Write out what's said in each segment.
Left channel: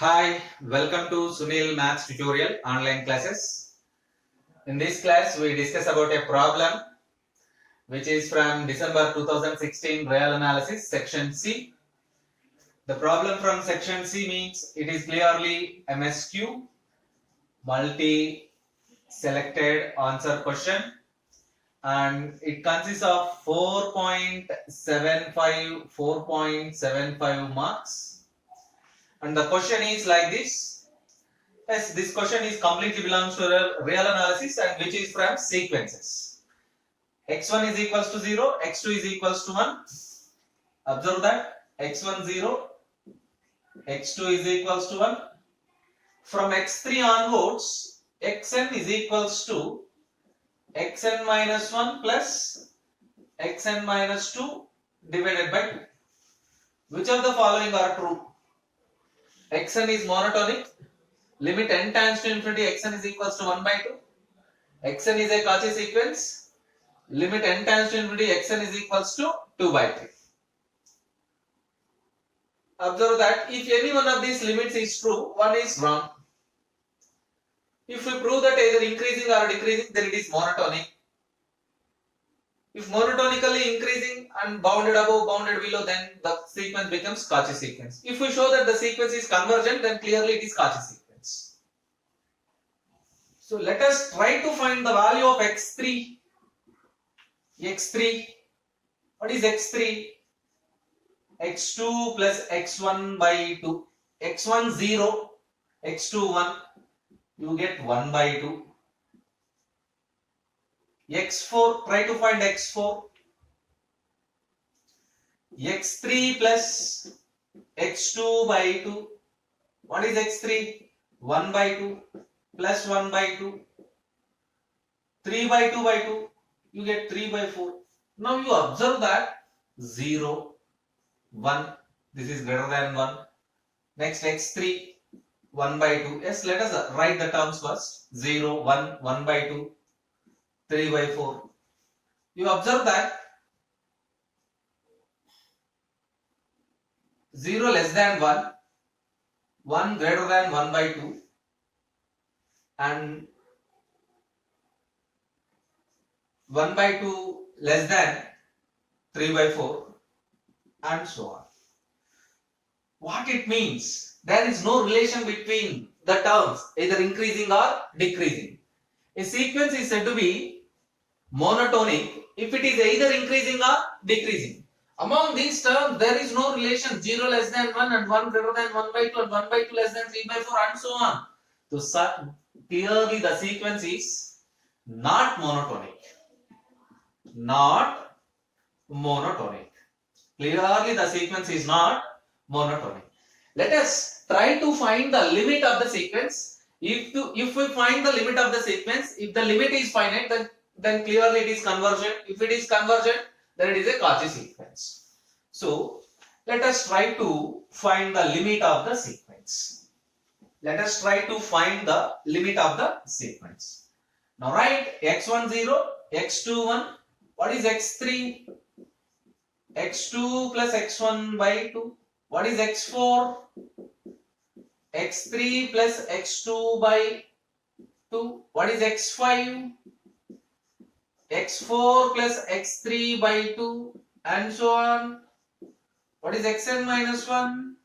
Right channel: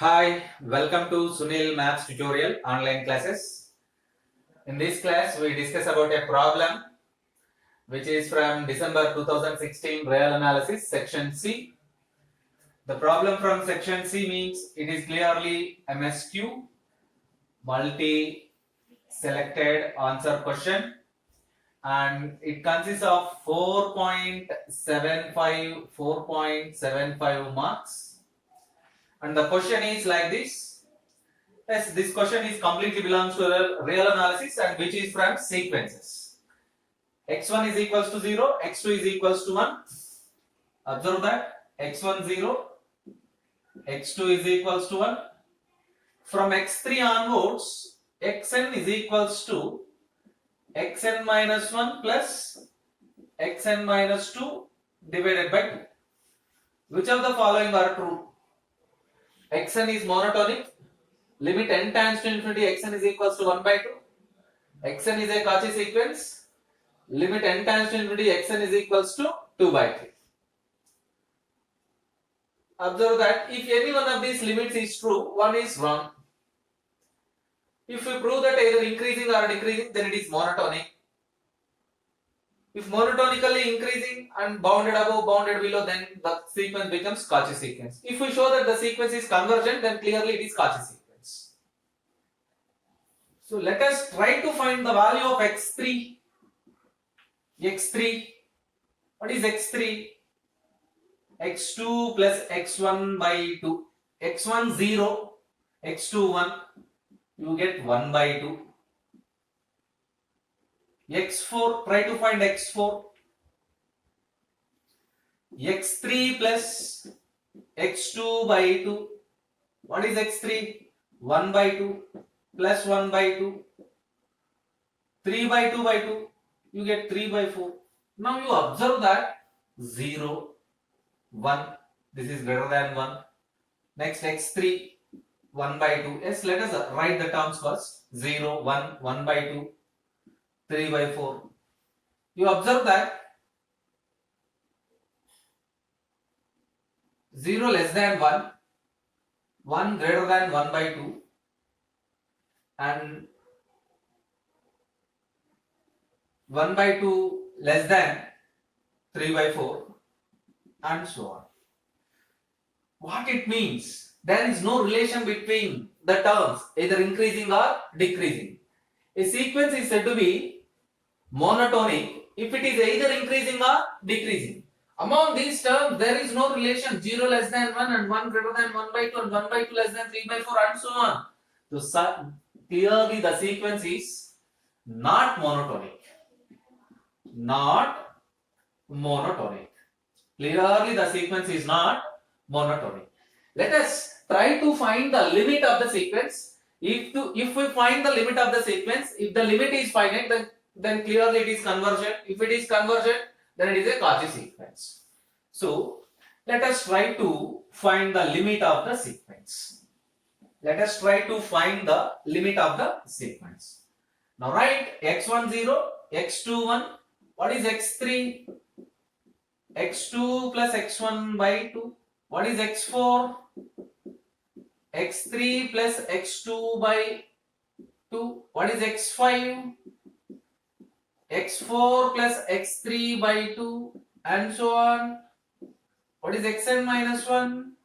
Hi, welcome to Sunil Maths tutorial online classes. In this class, we discuss about a problem which is from December 2016 real analysis section C. The problem from section C means it is clearly MSQ, multi selected answer question, and it consists of 4.75 marks, and the question is like this. Yes, this question is completely belongs to real analysis and which is from sequences. x1 is equals to 0, x2 is equals to 1. Observe that x1 0, x2 is equals to 1. From x3 onwards, xn is equals to xn minus 1 plus xn minus 2 divided by 2. Which of the following are true? Xn is monotonic. Limit n tends to infinity, xn is equals to 1 by 2. Xn is a Cauchy sequence. Limit n tends to infinity, xn is equals to 2 by 3. Observe that if any one of these limits is true, one is wrong. If we prove that either increasing or decreasing, then it is monotonic. If monotonically increasing and bounded above, bounded below, then the sequence becomes Cauchy sequence. If we show that the sequence is convergent, then clearly it is Cauchy sequence. So let us try to find the value of x3. x3, what is x3? x2 plus x1 by 2. x1 0, x2 1, you get 1 by 2. x4, try to find x4. x3 plus x2 by 2. What is x3? 1 by 2 plus 1 by 2. 3 by 2 by 2, you get 3 by 4. Now you observe that 0, 1, this is greater than 1. Next x3, 1 by 2. Yes, let us write the terms first. 0, 1, 1 by 2, 3 by 4. You observe that 0 less than 1, 1 greater than 1 by 2, and 1 by 2 less than 3 by 4, and so on. What it means? There is no relation between the terms, either increasing or decreasing. A sequence is said to be monotonic if it is either increasing or decreasing. Among these terms, there is no relation 0 less than 1 and 1 greater than 1 by 2 and 1 by 2 less than 3 by 4 and so on. So clearly the sequence is not monotonic. Not monotonic. Clearly the sequence is not monotonic. Let us try to find the limit of the sequence. If we find the limit of the sequence, if the limit is finite, then clearly it is convergent. If it is convergent, then it is a Cauchy sequence. So let us try to find the limit of the sequence. Let us try to find the limit of the sequence. Now write x1 0, x2 1. What is x3? x2 plus x1 by 2. What is x4? x3 plus x2 by 2. What is x5? x4 plus x3 by 2 and so on. What is xn minus 1?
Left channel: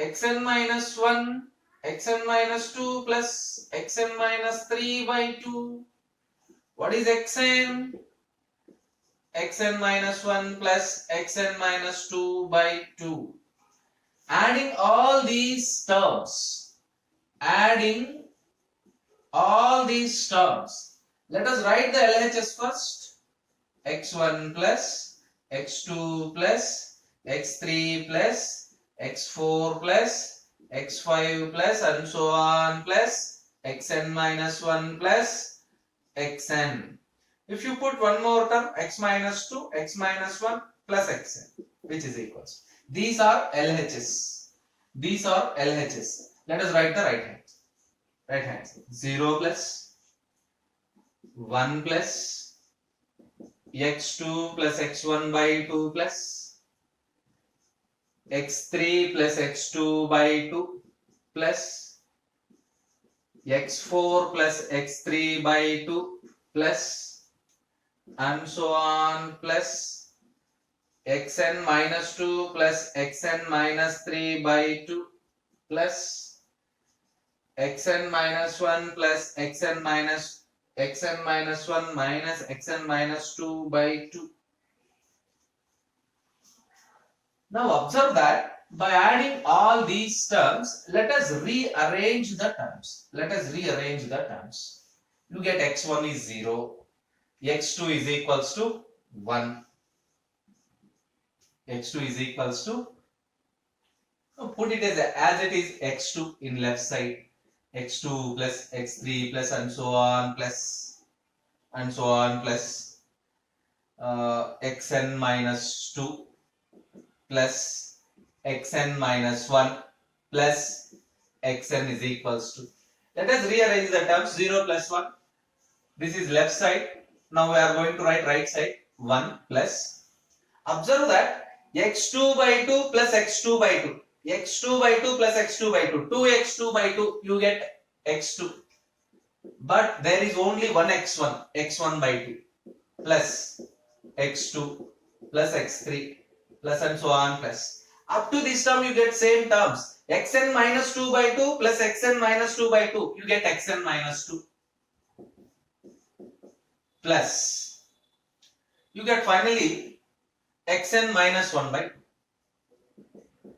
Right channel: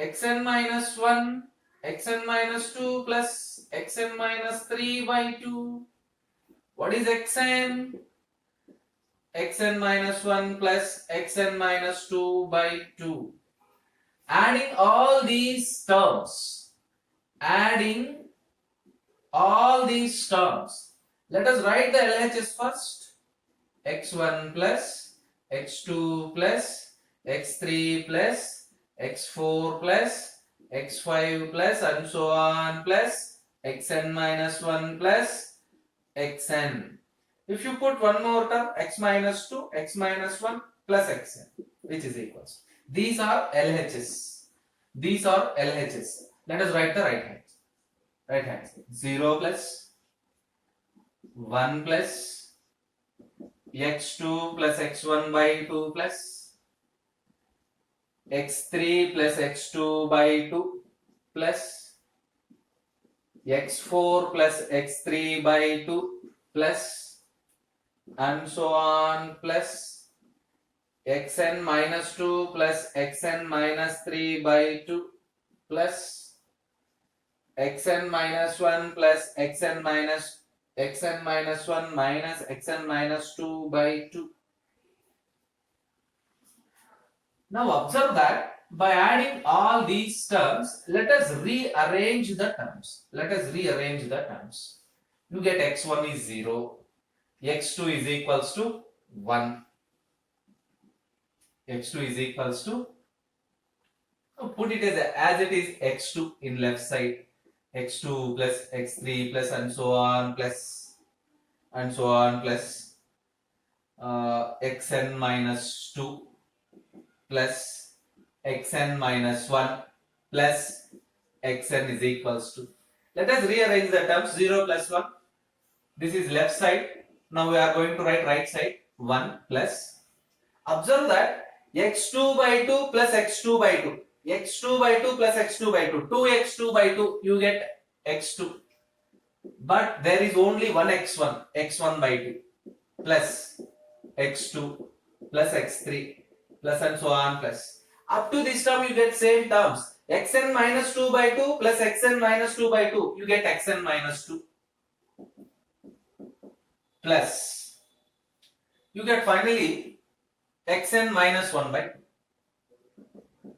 xn minus 1, xn minus 2 plus xn minus 3 by 2. What is xn? xn minus 1 plus xn minus 2 by 2. Adding all these terms, let us write the LHS first. x1 plus x2 plus x3 plus x4 plus x5 plus and so on plus xn minus 1 plus xn. If you put one more term, x minus 2, x minus 1 plus xn, which is equals. These are LHS. These are LHS. Let us write the right hand. Right hand. 0 plus 1 plus x2 plus x1 by 2 plus x3 plus x2 by 2 plus x4 plus x3 by 2 plus and so on plus xn minus 2 plus xn minus 3 by 2 plus xn minus 1 plus xn minus 1 minus xn minus 2 by 2. Now observe that by adding all these terms, let us rearrange the terms. You get x1 is 0, x2 is equals to 1, x2 is equals to, put it as it is x2 in left side, x2 plus x3 plus and so on plus xn minus 2 plus xn minus 1 plus xn is equals to. Let us rearrange the terms. 0 plus 1. This is left side. Now we are going to write right side. 1 plus. Observe that x2 by 2 plus x2 by 2. x2 by 2 plus x2 by 2. 2x2 by 2. You get x2. But there is only one x1. x1 by 2 plus x2 plus x3 plus and so on plus. Up to this term you get same terms. xn minus 2 by 2 plus xn minus 2 by 2. You get xn minus 2 plus. You get finally xn minus 1 by 2.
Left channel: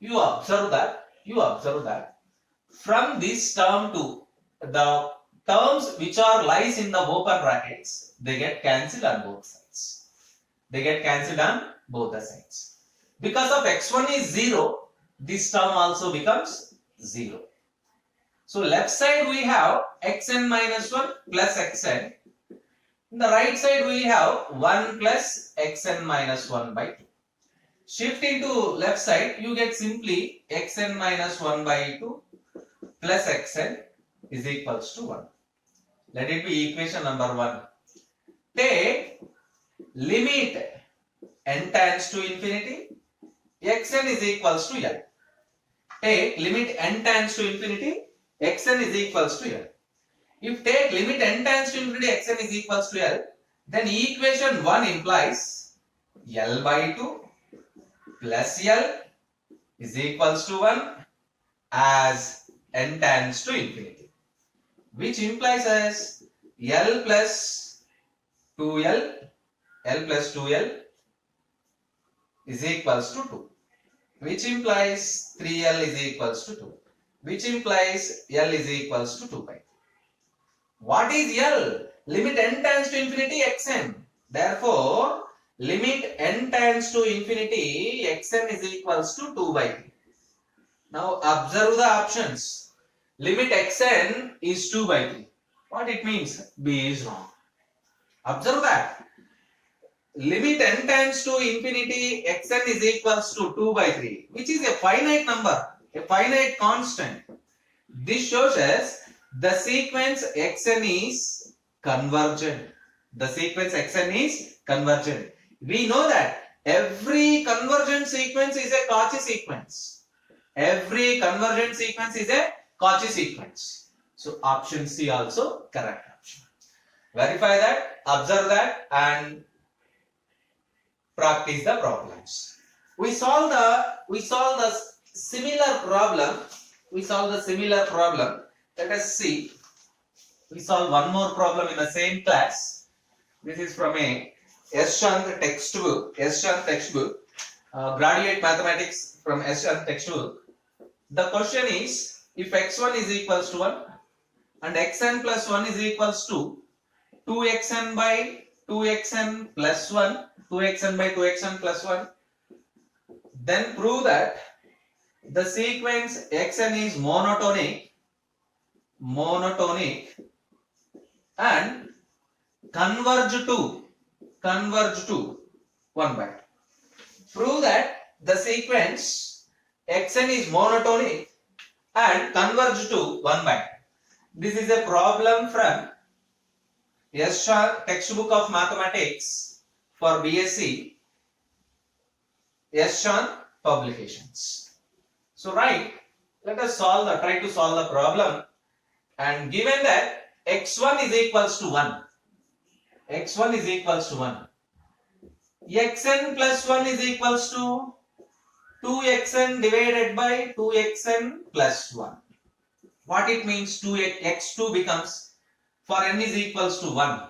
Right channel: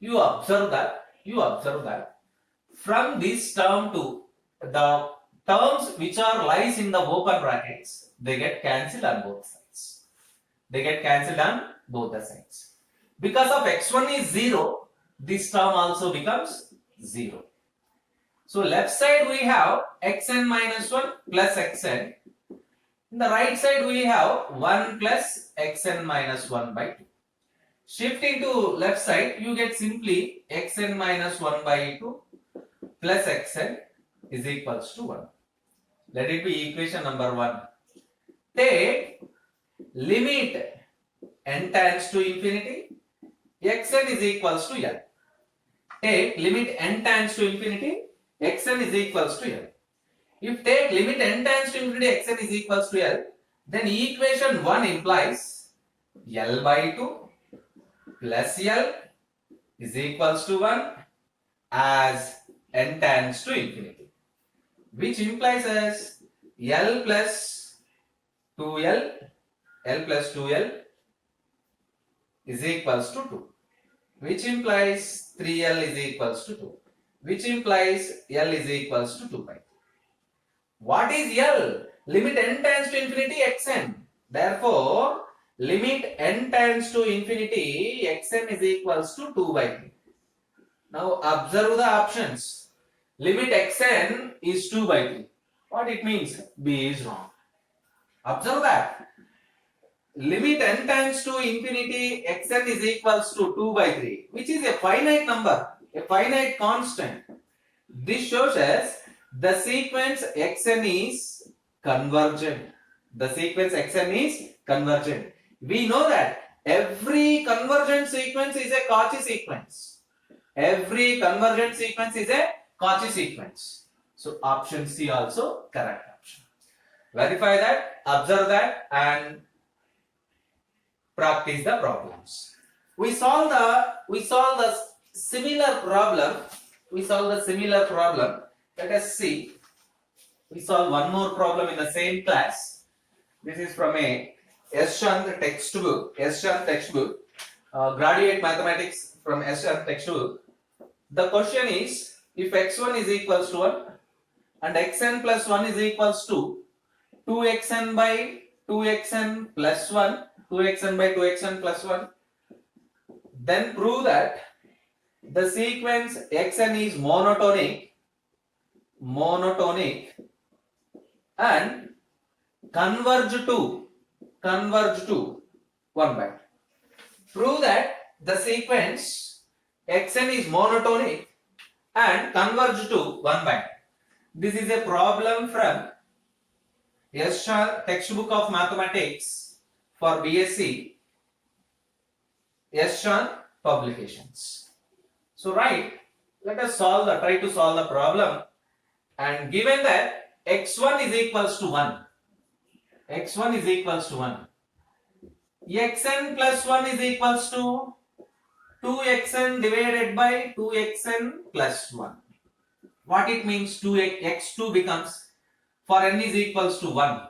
You observe that from this term to the terms which are lies in the open brackets, they get cancelled on both sides. Because of x1 is 0, this term also becomes 0. So left side we have xn minus 1 plus xn. In the right side we have 1 plus xn minus 1 by 2. Shifting to left side, you get simply xn minus 1 by 2 plus xn is equals to 1. Let it be equation number 1. Take limit n tends to infinity, xn is equals to L. Take limit n tends to infinity, xn is equals to L. If take limit n tends to infinity, xn is equals to L, then equation 1 implies L by 2 plus L is equals to 1 as n tends to infinity, which implies as L plus 2L, is equals to 2, which implies 3L is equals to 2, which implies L is equals to 2 by 3. What is L? Limit n tends to infinity xn. Therefore, limit n tends to infinity xn is equals to 2 by 3. Now observe the options. Limit xn is 2 by 3. What it means? B is wrong. Observe that. Limit n tends to infinity xn is equals to 2 by 3, which is a finite number, a finite constant. This shows us the sequence xn is convergent. We know that every convergent sequence is a Cauchy sequence. So option C also correct option. Verify that, observe that, and practice the problems. We solve the similar problem. Let us see. We solve one more problem in the same class. This is from a S. Chand textbook. Graduate Mathematics from S. Chand textbook. The question is, if x1 is equals to 1 and xn plus 1 is equals to 2xn by 2xn plus 1, 2xn by 2xn plus 1, then prove that the sequence xn is monotonic and converge to 1 by 2. Prove that the sequence xn is monotonic and converge to 1 by 2. This is a problem from S. Chand textbook of mathematics for BSc. S. Chand publications. So right, let us try to solve the problem, and given that x1 is equals to 1, x1 is equals to 1, xn plus 1 is equals to 2xn divided by 2xn plus 1. What it means? x2 becomes, for n is equals to 1,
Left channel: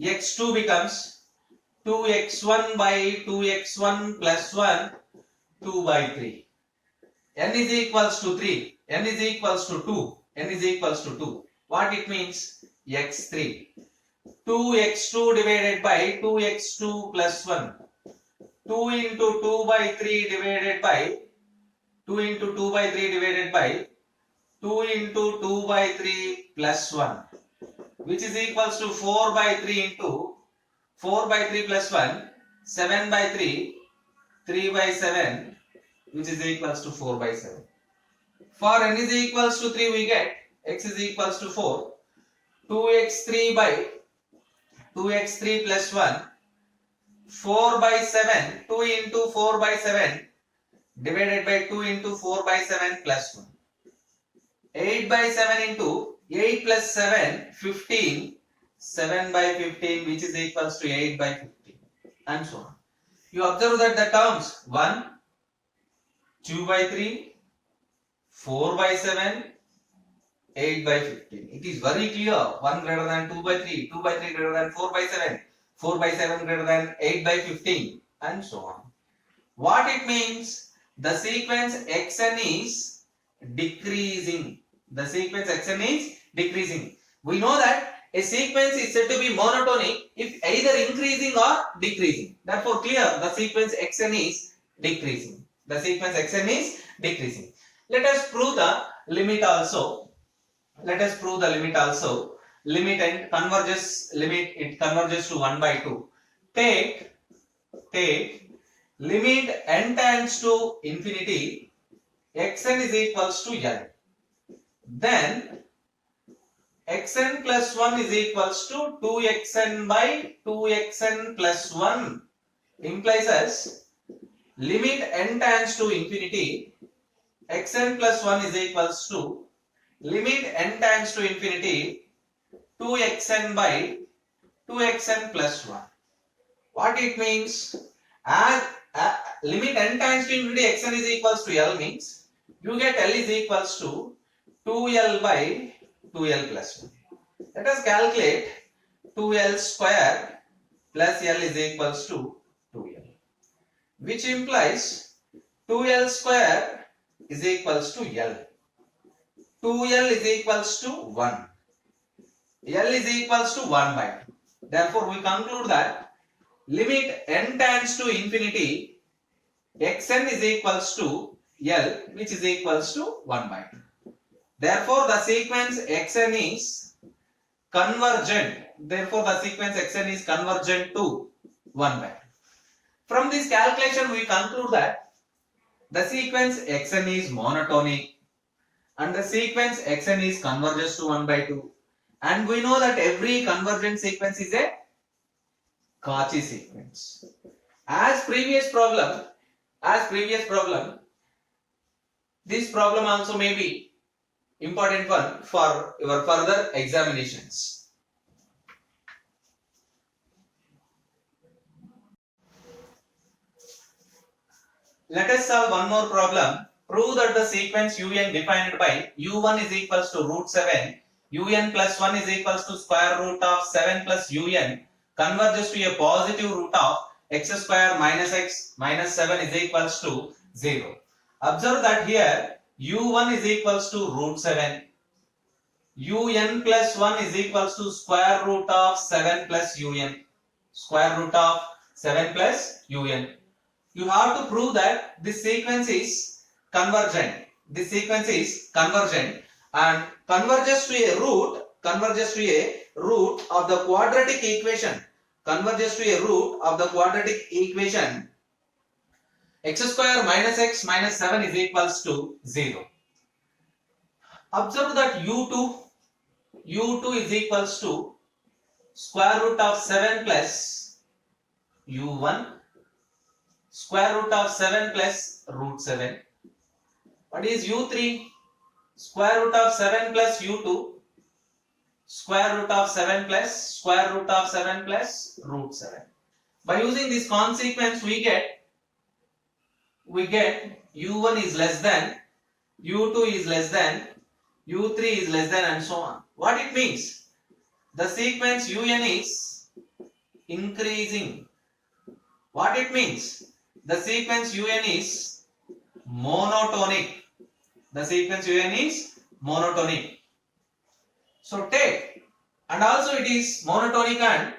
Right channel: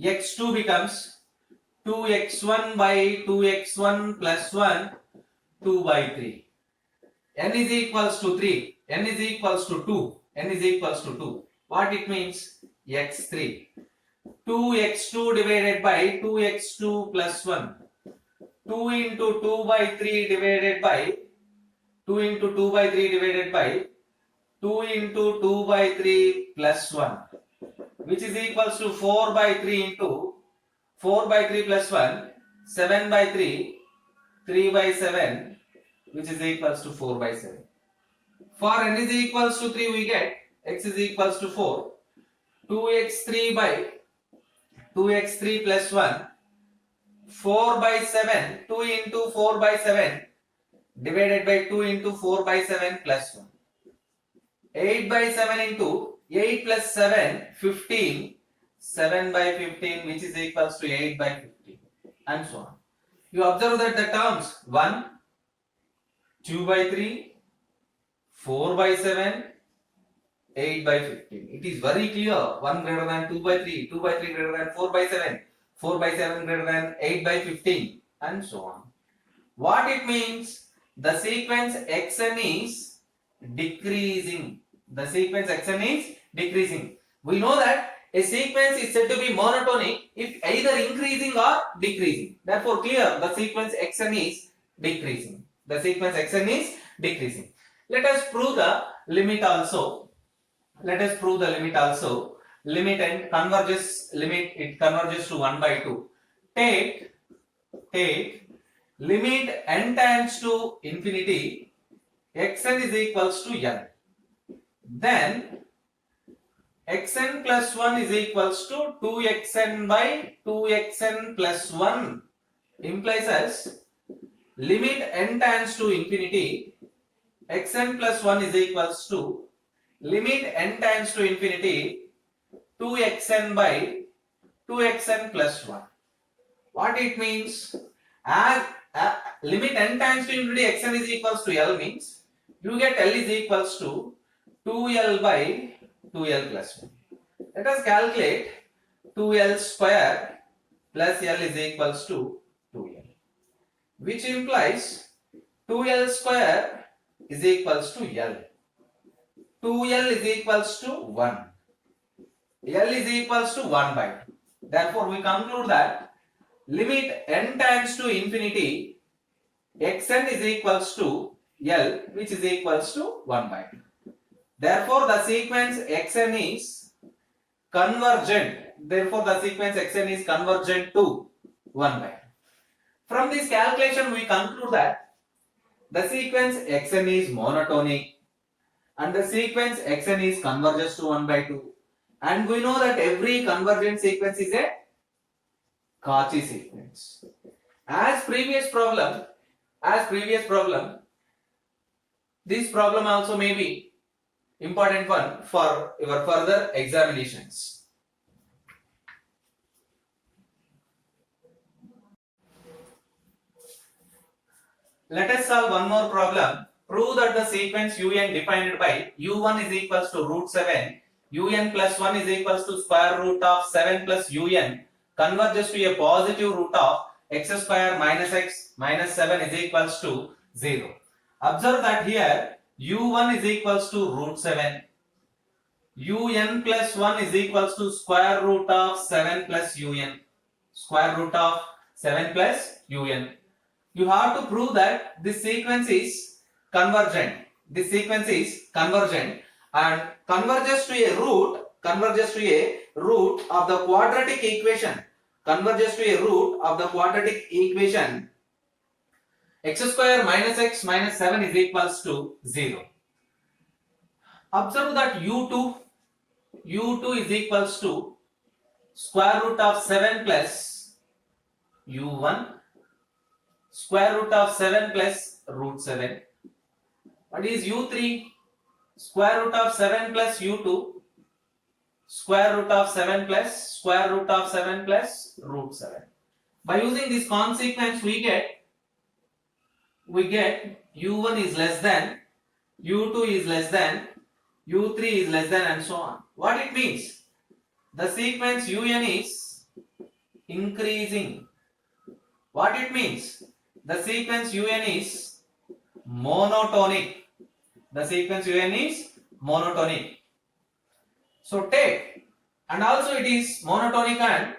x2 becomes 2x1 by 2x1 plus 1, 2 by 3. N is equals to 3, n is equals to 2, n is equals to 2. What it means? x3. 2x2 divided by 2x2 plus 1. 2 into 2 by 3 divided by 2 into 2 by 3 divided by 2 into 2 by 3 plus 1, which is equals to 4 by 3 into 4 by 3 plus 1, 7 by 3, 3 by 7, which is equals to 4 by 7. For n is equals to 3, we get x is equals to 4, 2x3 by 2x3 plus 1, 4 by 7, 2 into 4 by 7 divided by 2 into 4 by 7 plus 1. 8 by 7 into 8 plus 7, 15, 7 by 15, which is equals to 8 by 15, and so on. You observe that the terms 1, 2 by 3, 4 by 7, 8 by 15. It is very clear. 1 greater than 2 by 3, 2 by 3 greater than 4 by 7, 4 by 7 greater than 8 by 15, and so on. What it means? The sequence xn is decreasing. The sequence xn is decreasing. We know that a sequence is said to be monotonic if either increasing or decreasing. Therefore, clear, the sequence xn is decreasing. The sequence xn is decreasing. Let us prove the limit also. Let us prove the limit also. Limit and converges, limit it converges to 1 by 2. Take limit n tends to infinity, xn is equals to n. Then xn plus 1 is equals to 2xn by 2xn plus 1 implies as limit n tends to infinity, xn plus 1 is equals to limit n tends to infinity 2xn by 2xn plus 1. What it means? As limit n tends to infinity xn is equals to L means you get L is equals to 2L by 2L plus 1. Let us calculate 2L square plus L is equals to 2L, which implies 2L square is equals to L. 2L is equals to 1. L is equals to 1 by 2. Therefore, we conclude that limit n tends to infinity, xn is equals to L, which is equals to 1 by 2. Therefore, the sequence xn is convergent. Therefore, the sequence xn is convergent to 1 by 2. From this calculation, we conclude that the sequence xn is monotonic and the sequence xn is converges to 1 by 2. And we know that every convergent sequence is a Cauchy sequence. As previous problem, this problem also may be important one for your further examinations. Let us solve one more problem. Prove that the sequence un defined by u1 is equals to root 7, un plus 1 is equals to square root of 7 plus un converges to a positive root of x square minus x minus 7 is equals to 0. Observe that here u1 is equals to root 7, un plus 1 is equals to square root of 7 plus un, square root of 7 plus un. You have to prove that this sequence is convergent. This sequence is convergent and converges to a root of the quadratic equation. Converges to a root of the quadratic equation x square minus x minus 7 is equals to 0. Observe that u2 is equals to square root of 7 plus u1 square root of 7 plus root 7. What is u3? Square root of 7 plus u2, square root of 7 plus square root of 7 plus root 7. By using this consequence, we get u1 is less than, u2 is less than, u3 is less than, and so on. What it means? The sequence un is increasing. What it means? The sequence un is monotonic. The sequence un is monotonic. So take, and also it is monotonic and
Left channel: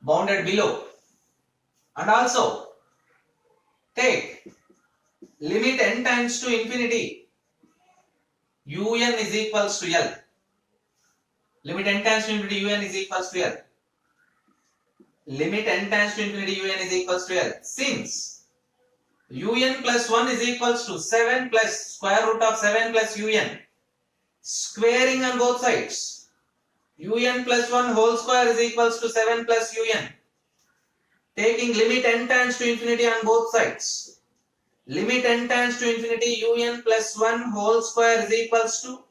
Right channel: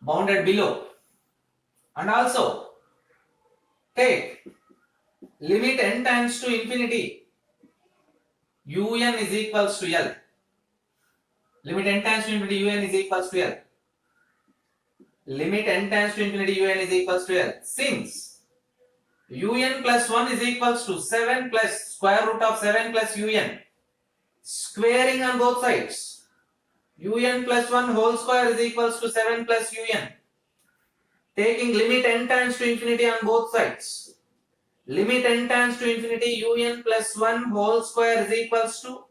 bounded below. And also take limit n tends to infinity, un is equals to L. Limit n tends to infinity, un is equals to L. Limit n tends to infinity, un is equals to L. Since un plus 1 is equals to 7 plus square root of 7 plus un, squaring on both sides, un plus 1 whole square is equals to 7 plus un. Taking limit n tends to infinity on both sides, limit n tends to infinity, un plus 1 whole square is equals to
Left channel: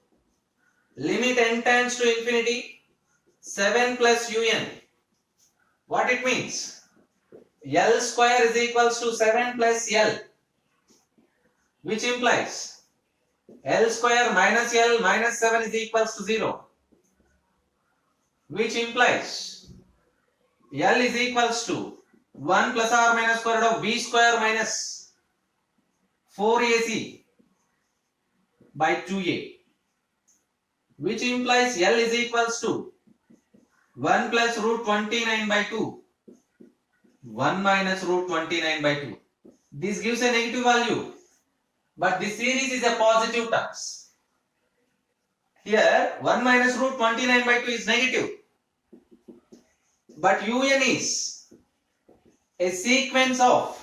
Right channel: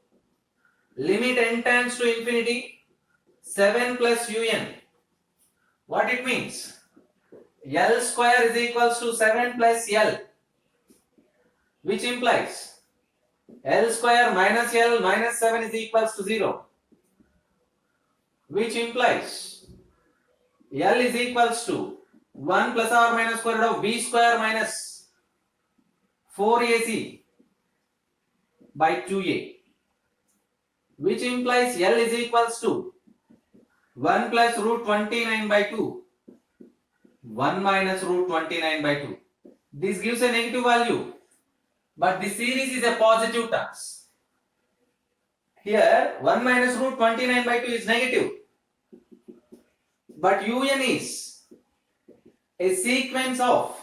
limit n tends to infinity 7 plus un. What it means? L square is equals to 7 plus L, which implies L square minus L minus 7 is equals to 0, which implies L is equals to 1 plus or minus square root of b square minus 4ac by 2a, which implies L is equals to 1 plus root 29 by 2, 1 minus root 29 by 2. This gives a negative value, but the series is a positive terms. Here 1 minus root 29 by 2 is negative, but un is a sequence of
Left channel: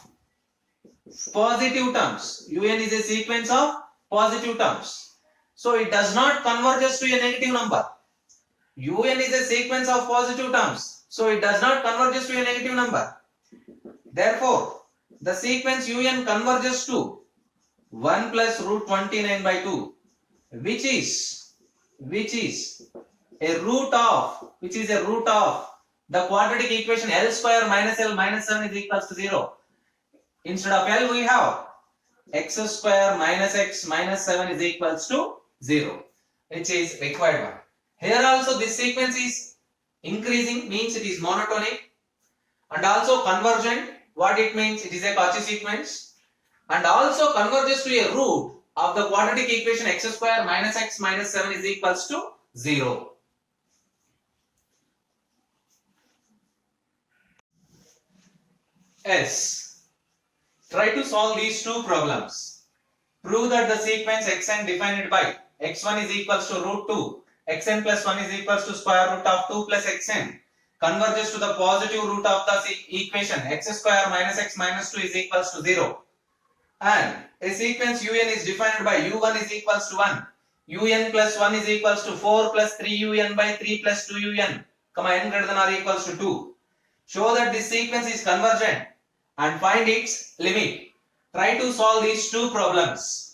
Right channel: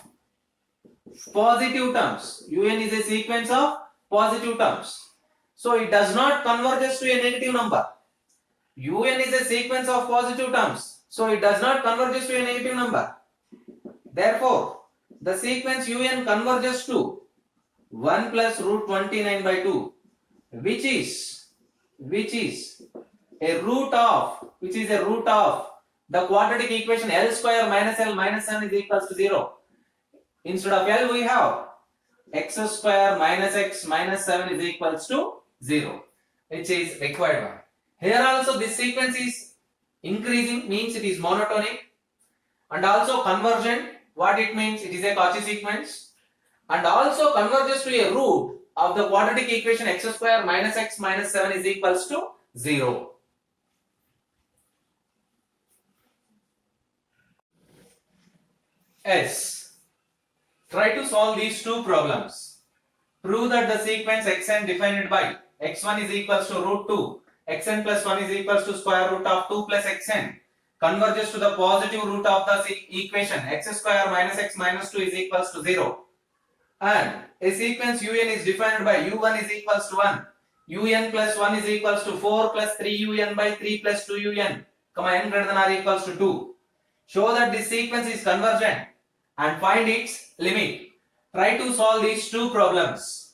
positive terms. Un is a sequence of positive terms. So it does not converge to a negative number. Un is a sequence of positive terms. So it does not converge to a negative number. Therefore, the sequence un converges to 1 plus root 29 by 2, which is a root of the quadratic equation L square minus L minus 7 is equals to 0. Instead of L, we have x square minus x minus 7 is equals to 0, which is required one. Here also this sequence is increasing, means it is monotonic, and also convergent. What it means? It is a Cauchy sequence, and also converges to a root of the quadratic equation x square minus x minus 7 is equals to 0. S. Try to solve these two problems. Prove that the sequence xn defined by x1 is equals to root 2, xn plus 1 is equals to square root of 2 plus xn converges to the positive root of the equation x square minus x minus 2 is equals to 0. And a sequence un is defined by u1 is equals to 1, un plus 1 is equals to 4 plus 3un by 3 plus 2un, n greater than or equals to 2. Show that this sequence is convergent and find its limit. Try to solve these two problems.